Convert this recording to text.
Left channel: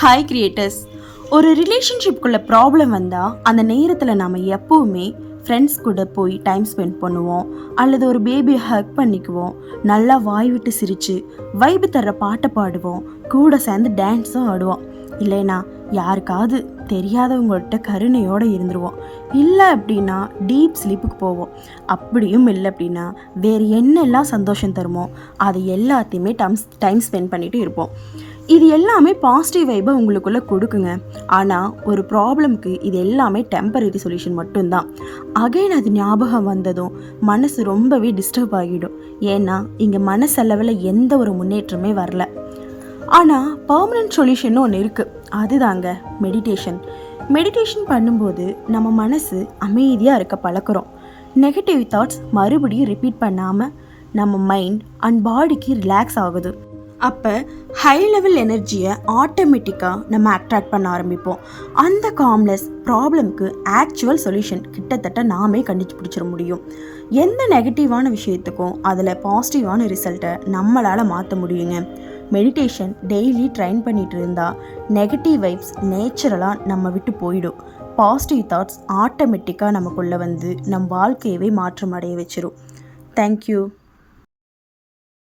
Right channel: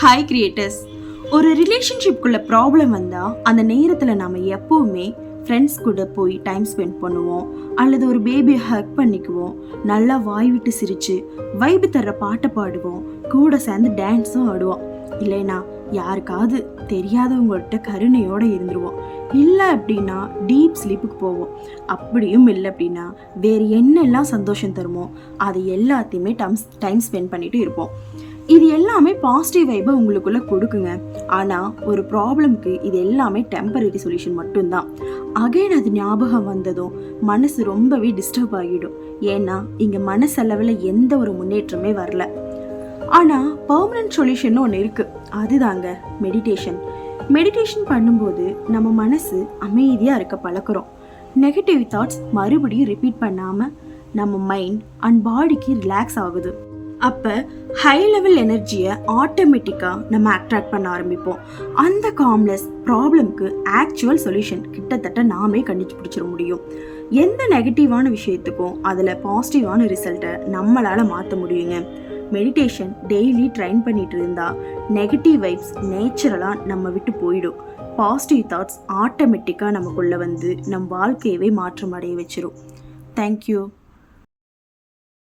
Hi creators ஒரு ரிலேஷன்ஷிப்குள்ளே problem வந்தால் அந்த நேரத்தில் நாம் எப்போவுமே ஃப்ரெண்ட்ஸ் கூட போய் டைம் ஸ்பெண்ட் பண்ணுவோம் அல்லது ஒரு பேபியை ஹக் பண்ணிக்குவோம் நல்லா வாய் விட்டு சிரித்து வைபு தர்ற பாட்டை பாடுவோம் கூட சேர்ந்து டான்ஸும் ஆடுவோம். இல்லைனா யாருக்காவது தெரியாதவங்கள்ட்ட கருணையோடு இருந்துருவோம். இல்லை அப்படின்னா டீப் ஸ்லீப்புக்கு போவோம். அப்படியும் இல்லை அப்படின்னா வேறு என்னெல்லாம் சந்தோஷம் தருமோ அது எல்லாத்தையுமே டைம் டைம் ஸ்பெண்ட் பண்ணிட்டு இருப்போம். இது எல்லாமே பாசிட்டிவ் வைப்பை உங்களுக்குள்ளே கொடுக்குங்க. ஆனால் ஒரு ப்ராப்ளம்க்கு இது எல்லாமே டெம்பரரி சொல்யூஷன் மட்டும்தான். அகைன் அது ஞாபகம் வந்ததும் மனசு ரொம்பவே டிஸ்டர்ப் ஆகிடும். ஏன்னா இங்கே மனசளவில் எந்த ஒரு முன்னேற்றமே வரல. ஆனால் பர்மனன்ட் சொல்யூஷன் ஒன்று இருக்குது அதுதாங்க மெடிடேஷன் மெடிடேஷன் பண்ணும்போது நம்ம மனசு அமைதியாக இருக்க பழக்கிறோம் நெகட்டிவ் தாட்ஸ் மறுபடியும் ரிப்பீட் பண்ணாமல் நம்ம மைண்ட் அண்ட் பாடிக்கு ரிலாக்ஸ் ஆகுது. அப்போ ஹை லெவல் எனர்ஜியை ஆட்டோமேட்டிக்காக நம்ம அட்ராக்ட் பண்ண ஆரம்பிப்போம். அந்த காம்னஸ் ப்ராப்ளம்க்கு ஆக்சுவல் சொல்யூஷன் கிட்டத்தட்ட நாமே கண்டுபிடிச்சிட முடியும். எந்த நெகட்டிவான விஷயத்துக்கும் அதில் பாசிட்டிவான ரிசல்ட்டை நம்மளால் மாற்ற முடியுங்க. மெடிடேஷன் டெய்லி ட்ரைன் பண்ணிட்டு இருந்தால் நெகட்டிவ் வைப்ஸ் நேச்சுரலாக நம்ம விட்டு போயிடும். பாசிட்டிவ் தாட்ஸ் ஆட்டோமேட்டிக்காக நமக்குள்ளே வந்து நம் வாழ்க்கையவே மாற்றம் அடைய வச்சிரும். தேங்க்யூ